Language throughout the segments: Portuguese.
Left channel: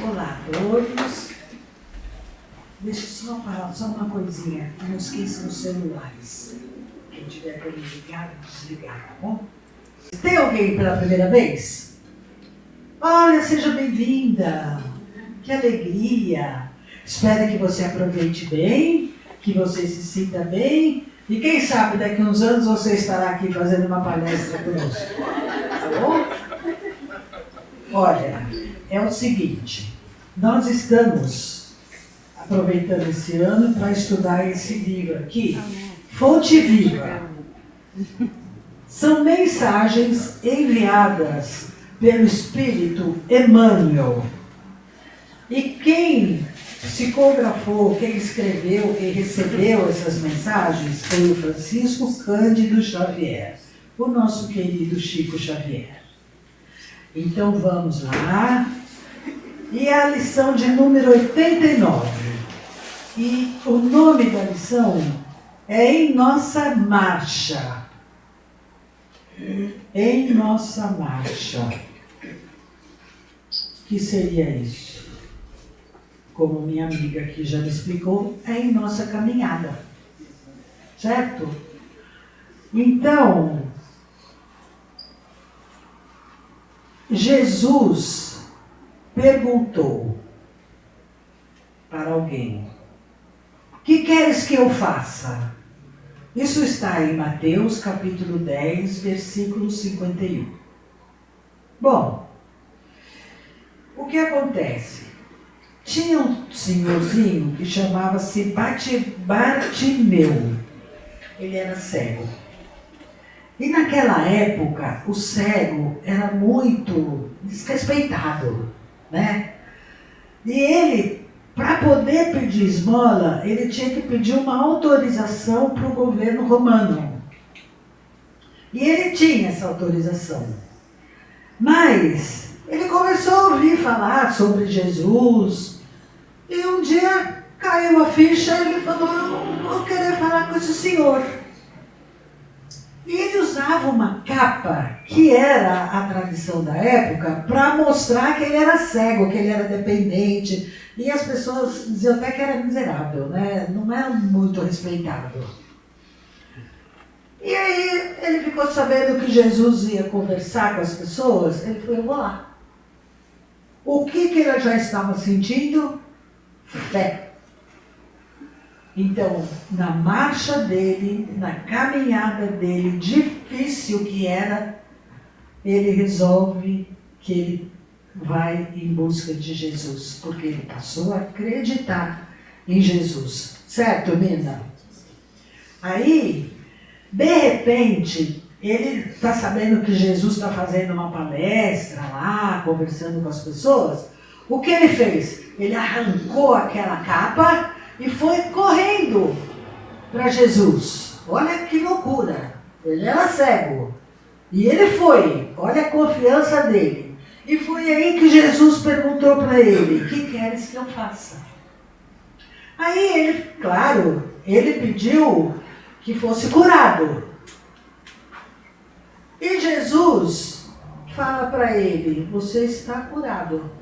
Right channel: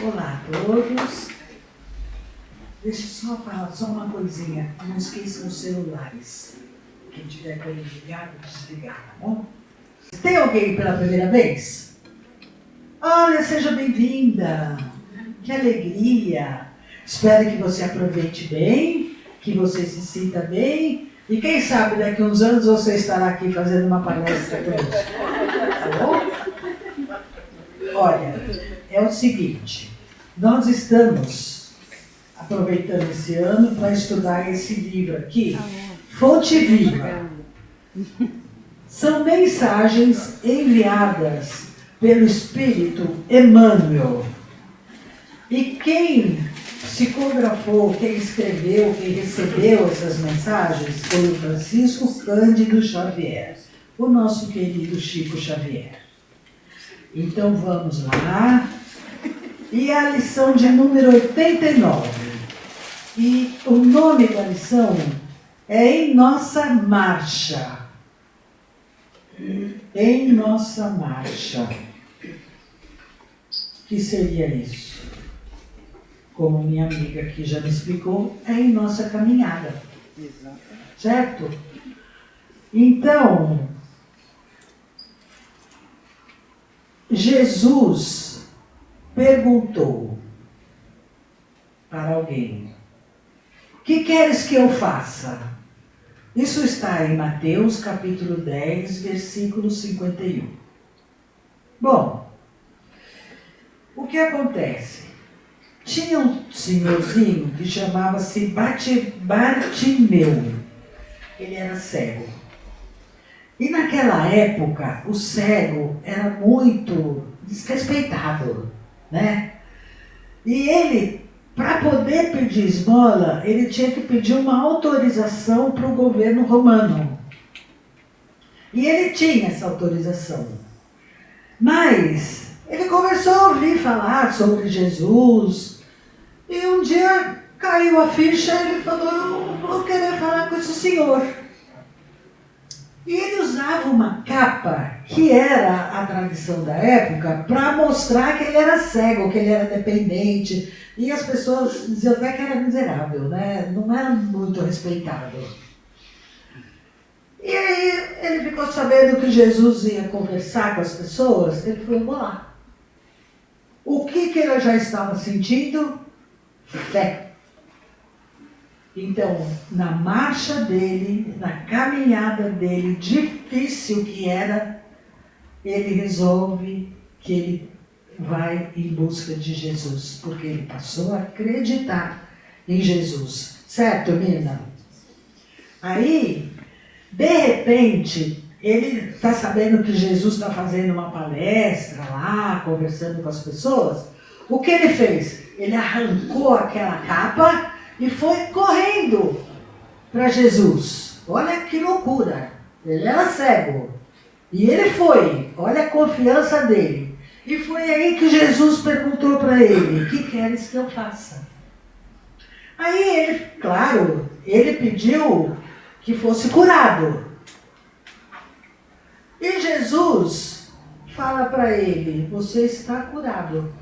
Olá a todos. Deixa eu só falar só uma coisinha. Não esqueçam os celulares. Quem tiver para ligar, desligar, tá bom? Tem alguém pela primeira vez? Olha, seja bem-vinda. Que alegria. Espero que você aproveite bem, que você se sinta bem. E quem sabe daqui a uns anos você estará aqui fazendo uma palestra conosco. Tá bom? Olha, é o seguinte. Nós estamos aproveitando esse ano para estudar esse livro aqui, Fonte Viva. São mensagens enviadas pelo Espírito Emmanuel. E quem psicografou, quem escreveu, quem recebeu essas mensagens foi o Francisco Cândido Xavier, o nosso querido Chico Xavier. Então vamos lá. E a lição de número 89. E o nome da lição é Em Nossa Marcha. Em Nossa Marcha. O que seria isso? Como minha amiga aqui já me explicou, é em nossa caminhada. Certo? Então, Jesus perguntou para alguém: que queres que eu faça? Isso está em Mateus capítulo 10, versículo 51. Bom, o que acontece? Tinha um senhorzinho que chamava-se Bartimeu. Ele era cego. E naquela época, o cego era muito desrespeitado, né? E ele, para poder pedir esmola, ele tinha que pedir uma autorização para o governo romano. E ele tinha essa autorização. Mas ele começou a ouvir falar sobre Jesus. E um dia caiu a ficha e ele falou: eu vou querer falar com esse senhor. E ele usava uma capa, que era a tradição da época, para mostrar que ele era cego, que ele era dependente. E as pessoas diziam até que era miserável, né? Não era muito respeitado. E aí ele ficou sabendo que Jesus ia conversar com as pessoas. Ele falou: vou lá. O que ele já estava sentindo? Fé. Então, na marcha dele, na caminhada dele, difícil que era, ele resolve que ele vai em busca de Jesus, porque ele passou a acreditar em Jesus. Certo, Mina? Aí, de repente, ele está sabendo que Jesus está fazendo uma palestra lá, conversando com as pessoas. O que ele fez? Ele arrancou aquela capa e foi correndo para Jesus. Olha que loucura. Ele era cego. E ele foi. Olha a confiança dele. E foi aí que Jesus perguntou para ele: o que queres que eu faça? Aí ele, claro, ele pediu que fosse curado. E Jesus fala para ele: você está curado,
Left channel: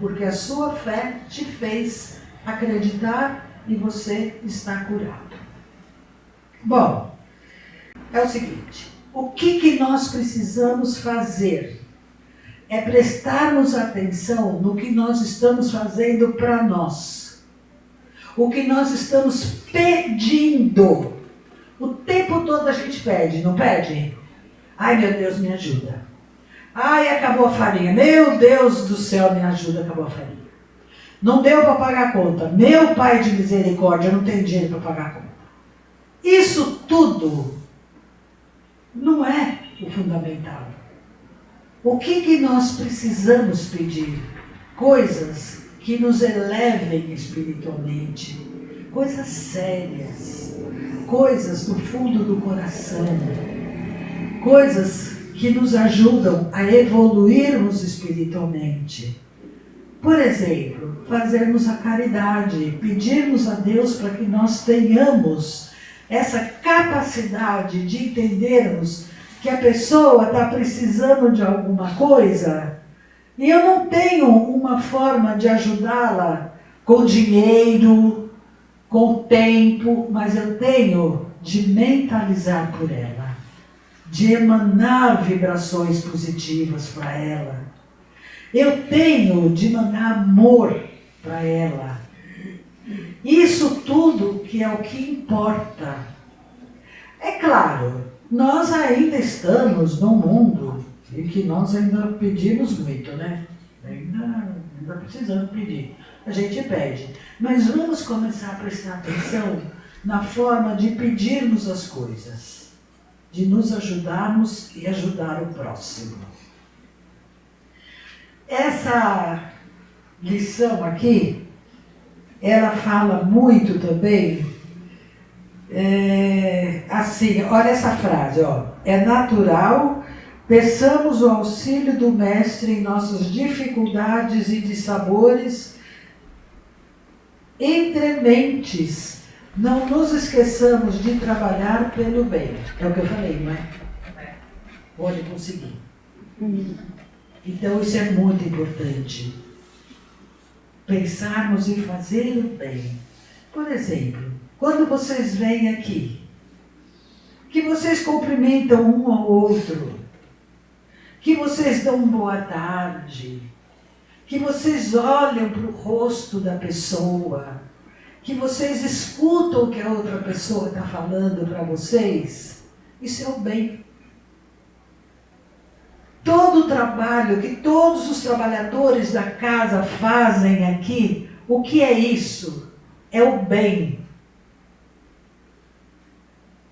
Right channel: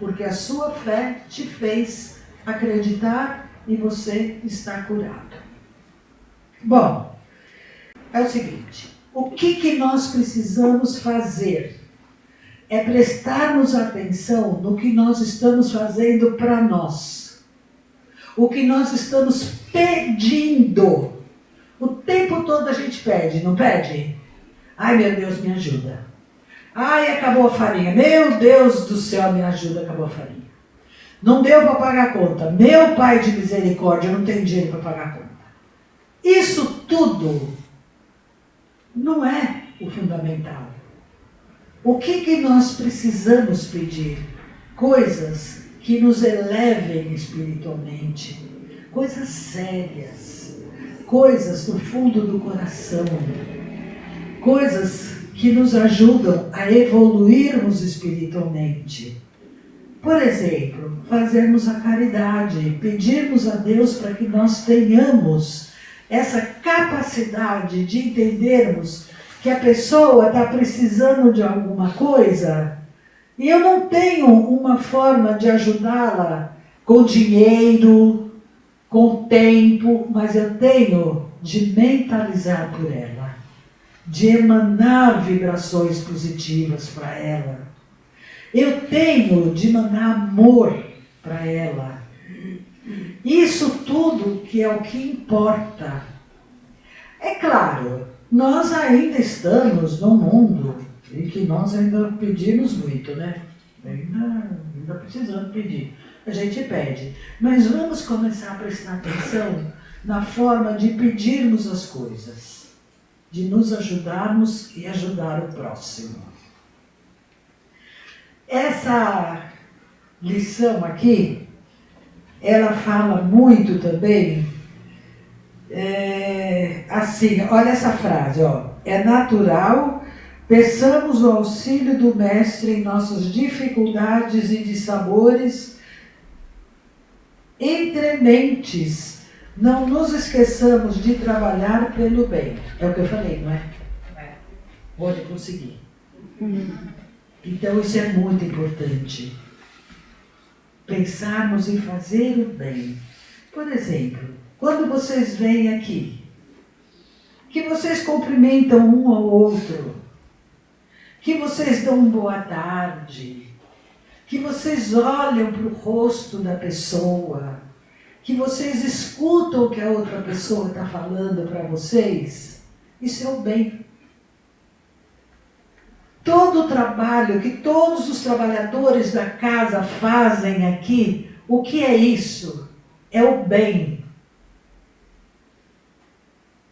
porque a sua fé te fez acreditar e você está curado. Bom, é o seguinte: o que nós precisamos fazer é prestarmos atenção no que nós estamos fazendo para nós. O que nós estamos pedindo. O tempo todo a gente pede, não pede? Ai, meu Deus, me ajuda. Ai, acabou a farinha. Meu Deus do céu, me ajuda, acabou a farinha. Não deu para pagar a conta. Meu Pai de misericórdia, eu não tenho dinheiro para pagar a conta. Isso tudo não é o fundamental. O que nós precisamos pedir? Coisas que nos elevem espiritualmente. Coisas sérias. Coisas do fundo do coração. Coisas que nos ajudam a evoluirmos espiritualmente. Por exemplo, fazermos a caridade, pedirmos a Deus para que nós tenhamos essa capacidade de entendermos que a pessoa está precisando de alguma coisa E eu não tenho uma forma de ajudá-la com dinheiro, com tempo, mas eu tenho de mentalizar por ela, de emanar vibrações positivas para ela. Eu tenho de mandar amor para ela. Isso tudo que é o que importa. É claro, nós ainda estamos num mundo e que nós ainda pedimos muito, né? Ainda precisamos pedir. A gente pede. Mas vamos começar a prestar atenção na forma de pedirmos as coisas, de nos ajudarmos e ajudar o próximo. Essa lição aqui, ela fala muito também, assim, olha essa frase, ó, é natural, peçamos o auxílio do Mestre em nossas dificuldades e dissabores entre mentes, não nos esqueçamos de trabalhar pelo bem. É o que eu falei, não é? Pode conseguir. Então isso é muito importante. Pensarmos em fazer o bem. Por exemplo, quando vocês vêm aqui, que vocês cumprimentam um ao outro, que vocês dão boa tarde, que vocês olham para o rosto da pessoa, que vocês escutam o que a outra pessoa está falando para vocês, isso é o bem. Todo o trabalho que todos os trabalhadores da casa fazem aqui, o que é isso? É o bem.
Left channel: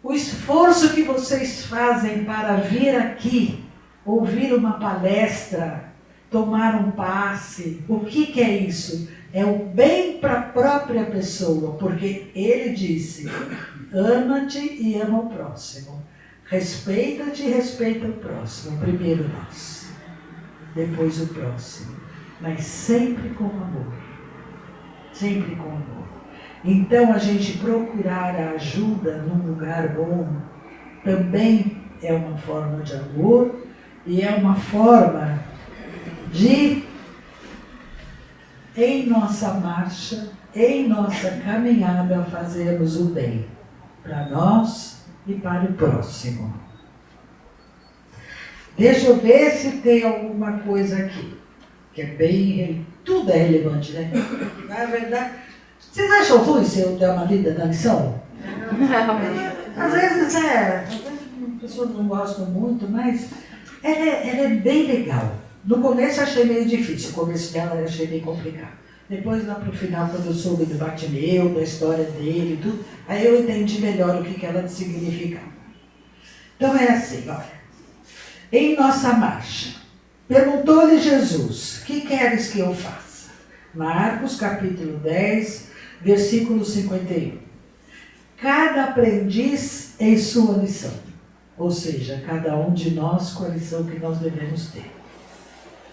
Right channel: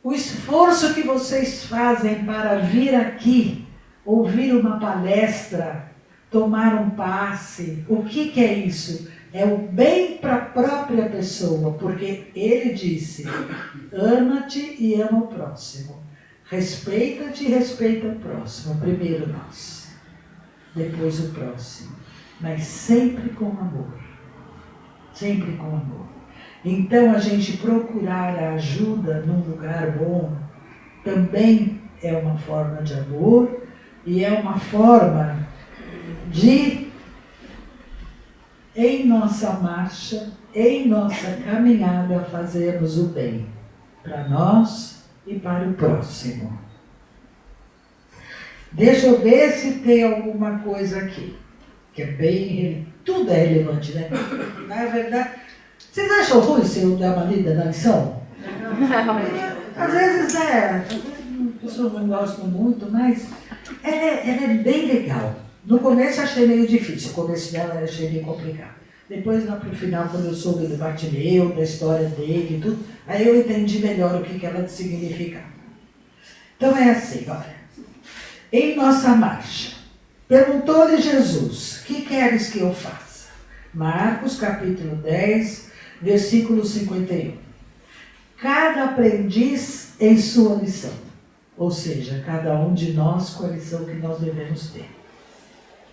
O esforço que vocês fazem para vir aqui, ouvir uma palestra, tomar um passe, o que é isso? É o bem para a própria pessoa, porque ele disse, ama-te e ama o próximo. Respeita-te e respeita o próximo. Primeiro nós, depois o próximo. Mas sempre com amor. Sempre com amor. Então a gente procurar a ajuda num lugar bom também é uma forma de amor e é uma forma de, em nossa marcha, em nossa caminhada, fazermos o bem para nós e para o próximo. Deixa eu ver se tem alguma coisa aqui, que é bem... Tudo é relevante, né? Na verdade, vocês acham ruim se eu der uma lida na lição? Não. Às vezes as pessoas não gostam muito, mas ela é bem legal. No começo eu achei meio difícil, o começo dela eu achei bem complicado. Depois, lá para o final, quando eu soube do Bartimeu, da história dele e tudo, aí eu entendi melhor o que ela significava. Então é assim, olha. Em nossa marcha, perguntou-lhe Jesus, que queres que eu faça? Marcos, capítulo 10, versículo 51. Cada aprendiz em sua lição. Ou seja, cada um de nós com a lição que nós devemos ter.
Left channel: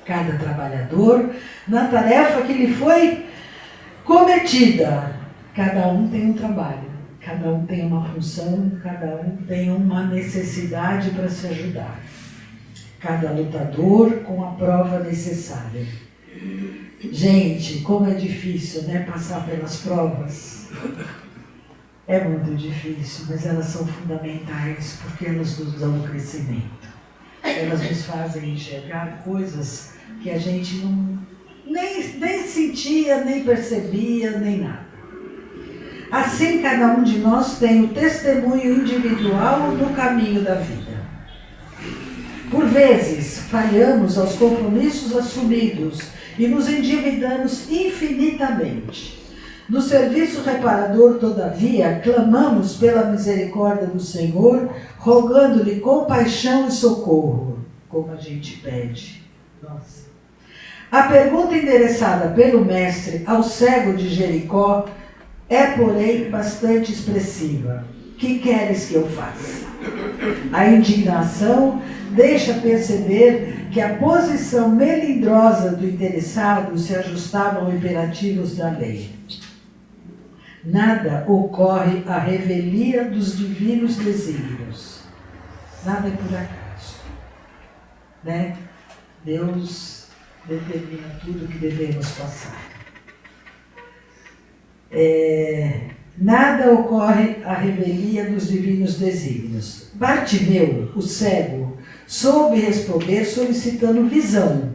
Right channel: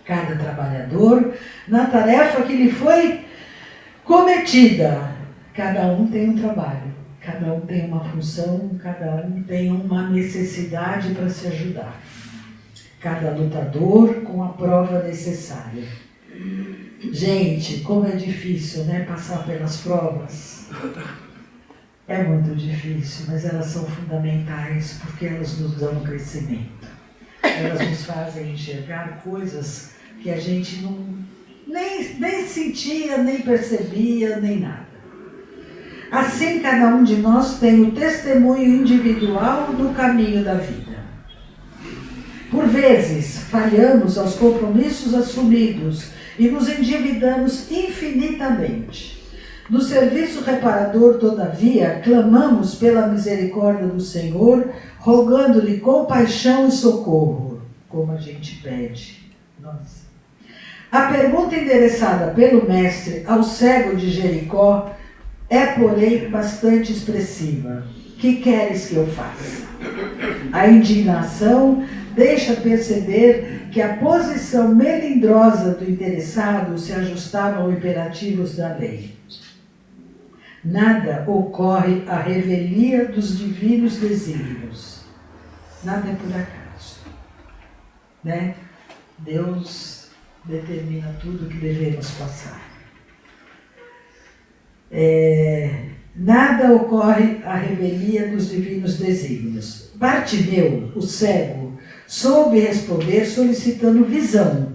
Cada trabalhador na tarefa que lhe foi cometida. Cada um tem um trabalho, cada um tem uma função, cada um tem uma necessidade para se ajudar. Cada lutador com a prova necessária. Gente, como é difícil, né, passar pelas provas. É muito difícil, mas elas são fundamentais porque elas nos dão um crescimento. Elas nos fazem enxergar coisas que a gente nem sentia, nem percebia, nem nada. Assim, cada um de nós tem o testemunho individual do caminho da vida. Por vezes, falhamos aos compromissos assumidos e nos endividamos infinitamente. No serviço reparador, todavia, clamamos pela misericórdia do Senhor, rogando-lhe compaixão e socorro, como a gente pede. Nossa. A pergunta endereçada pelo mestre ao cego de Jericó é, porém, bastante expressiva. Que queres que eu faça? A indignação deixa perceber que a posição melindrosa do interessado se ajustava aos imperativos da lei. Nada ocorre à revelia dos divinos desígnios. Nada é por acaso. Né? Deus determina tudo o que devemos passar. Nada ocorre à revelia dos divinos desígnios. Bartimeu, o cego, soube responder solicitando visão.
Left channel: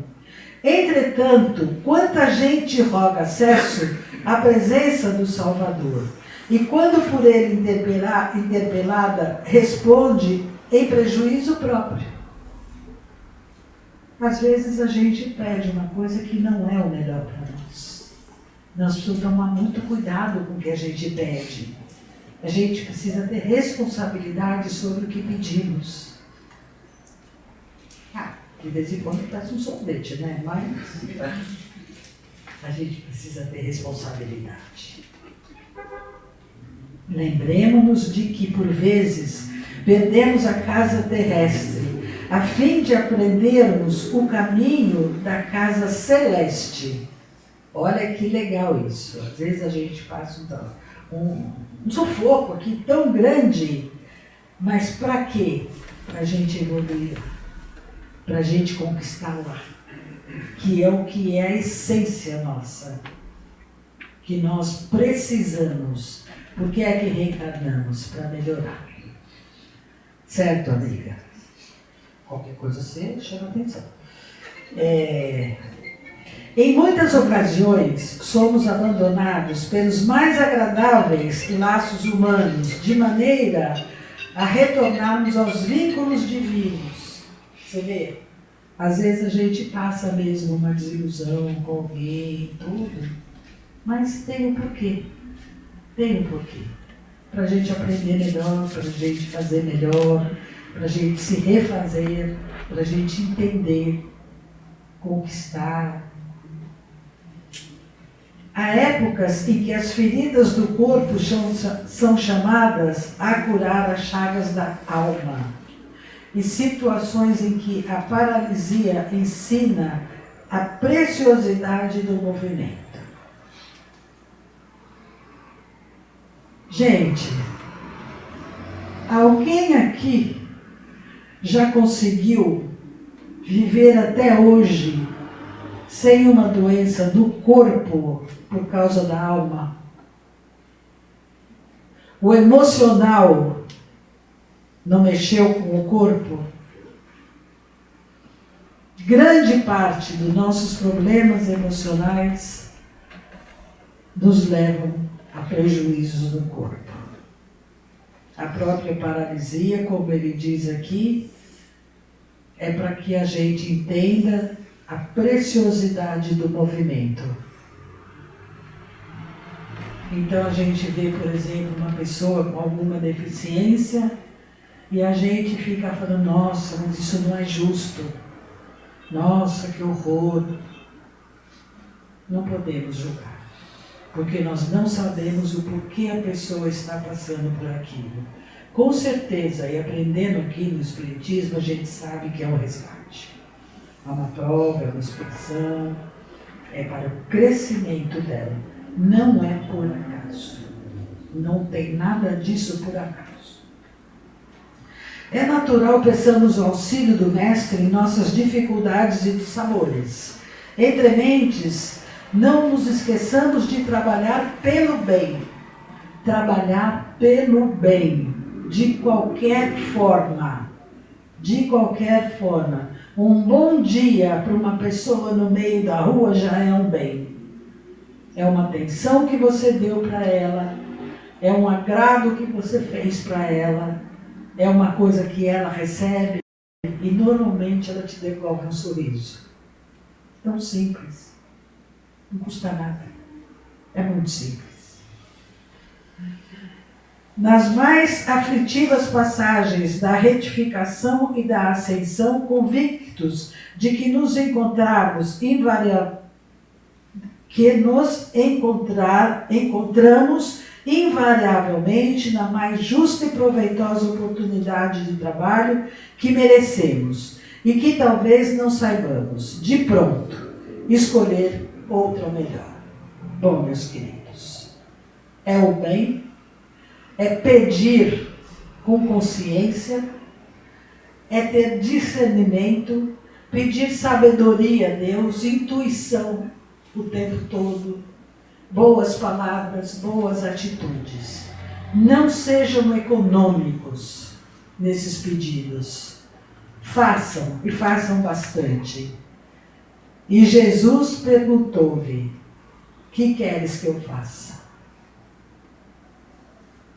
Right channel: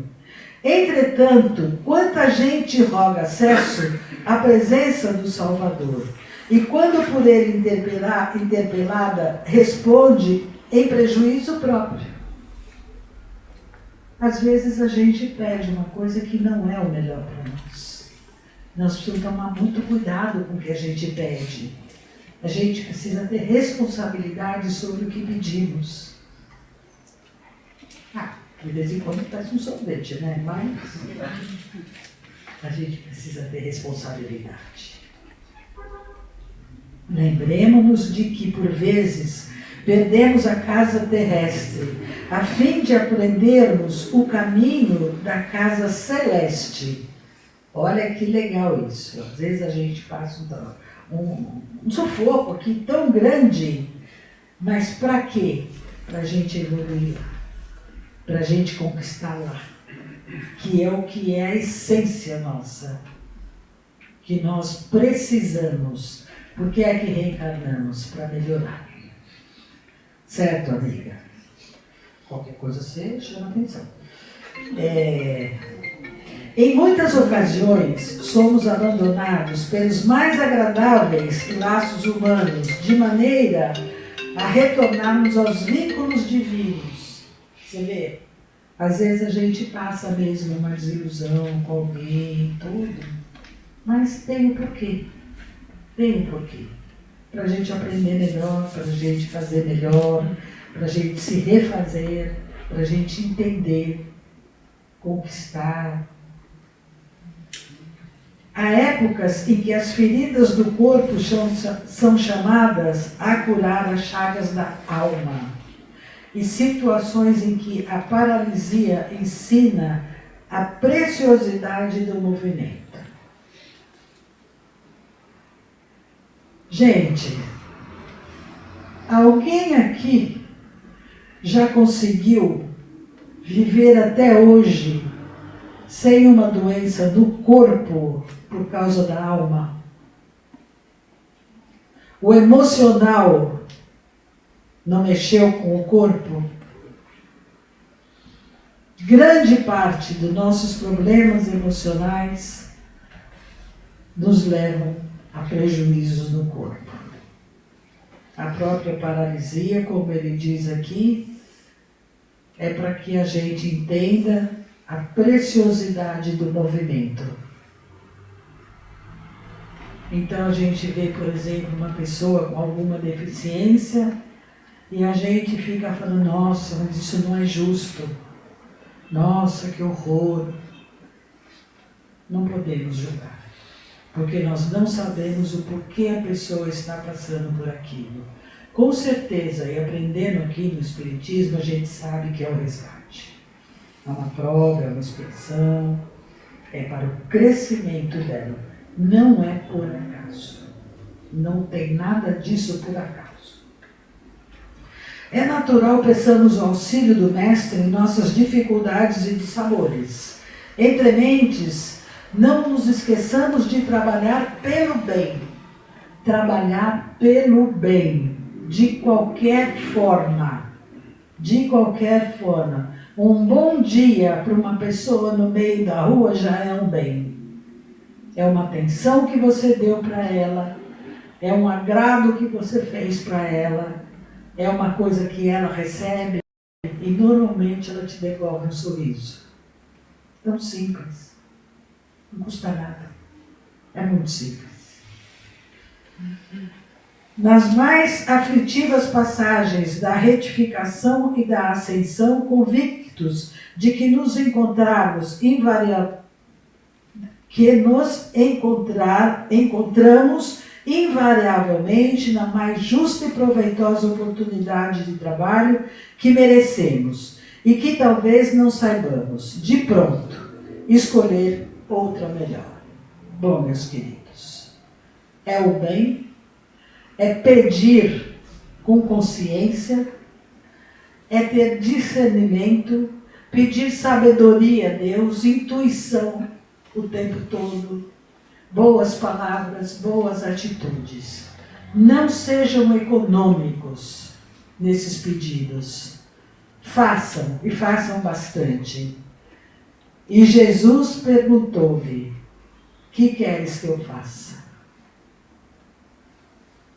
Entretanto, quanta gente roga acesso à presença do Salvador, e quando por ele interpelada, responde em prejuízo próprio. Às vezes a gente pede uma coisa que não é o melhor para nós. Nós precisamos tomar muito cuidado com o que a gente pede. A gente precisa ter responsabilidade sobre o que pedimos. De vez em quando faz um sorvete, né? Mas a gente precisa ter responsabilidade. Lembremos-nos de que, por vezes, perdemos a casa terrestre, a fim de aprendermos o caminho da casa celeste. Olha que legal isso. Às vezes a gente passa um sufoco aqui tão grande, mas para quê? Para a gente evoluir, para a gente conquistar lá, que é a essência nossa, que nós precisamos. Por que é que reencarnamos? Para melhorar. Certo, amiga? Qualquer coisa você chama atenção. Em muitas ocasiões, somos abandonados pelos mais agradáveis laços humanos, de maneira a retornarmos aos vínculos divinos. Você vê? Às vezes a gente passa mesmo uma desilusão com alguém, tudo, mas tem um porquê. Tem um porquê. Para a gente aprender melhor, para a gente fazer melhor, para a gente se refazer, para a gente entender, conquistar. Há épocas em que as feridas do corpo são chamadas a curar as chagas da alma, e situações em que a paralisia ensina a preciosidade do movimento. Gente, alguém aqui já conseguiu viver até hoje sem uma doença do corpo por causa da alma? O emocional não mexeu com o corpo? Grande parte dos nossos problemas emocionais nos levam a prejuízos no corpo. A própria paralisia, como ele diz aqui, é para que a gente entenda a preciosidade do movimento. Então a gente vê, por exemplo, uma pessoa com alguma deficiência e a gente fica falando, nossa, mas isso não é justo. Nossa, que horror. Não podemos julgar, porque nós não sabemos o porquê a pessoa está passando por aquilo. Com certeza, e aprendendo aqui no Espiritismo, a gente sabe que é um resgate. É uma prova, é uma expressão, é para o crescimento dela. Não é por acaso. Não tem nada disso por acaso. É natural peçamos o auxílio do Mestre em nossas dificuldades e dissabores. Entre mentes, não nos esqueçamos de trabalhar pelo bem. Trabalhar pelo bem, de qualquer forma. De qualquer forma. Um bom dia para uma pessoa no meio da rua já é um bem. É uma atenção que você deu para ela, é um agrado que você fez para ela, é uma coisa que ela recebe e normalmente ela te devolve um sorriso. Tão simples. Não custa nada. É muito simples. Nas mais aflitivas passagens da retificação e da ascensão, convictos de que nos encontramos encontramos invariavelmente na mais justa e proveitosa oportunidade de trabalho que merecemos e que talvez não saibamos, de pronto, escolher outra melhor. Bom, meus queridos, é o bem, é pedir com consciência, é ter discernimento pedir sabedoria a Deus, intuição o tempo todo, boas palavras, boas atitudes. Não sejam econômicos nesses pedidos. Façam, e façam bastante. E Jesus perguntou-lhe: que queres que eu faça?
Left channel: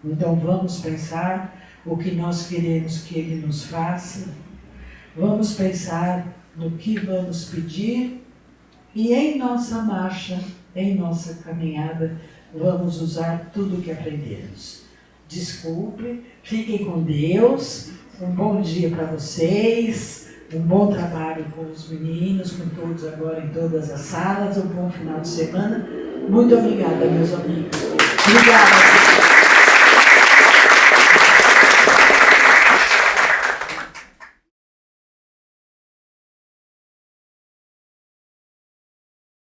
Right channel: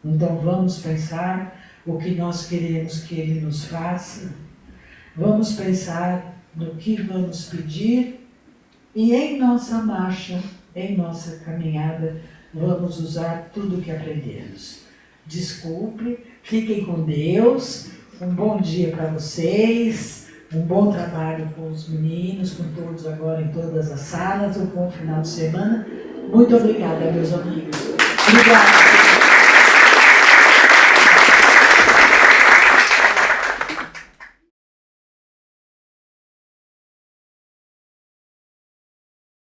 Então vamos pensar o que nós queremos que Ele nos faça. Vamos pensar no que vamos pedir e em nossa marcha, em nossa caminhada, vamos usar tudo o que aprendemos. Desculpe, fiquem com Deus, um bom dia para vocês, um bom trabalho com os meninos, com todos agora em todas as salas, um bom final de semana. Muito obrigada, meus amigos. Obrigada.